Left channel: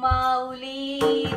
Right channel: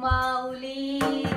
Kumauli.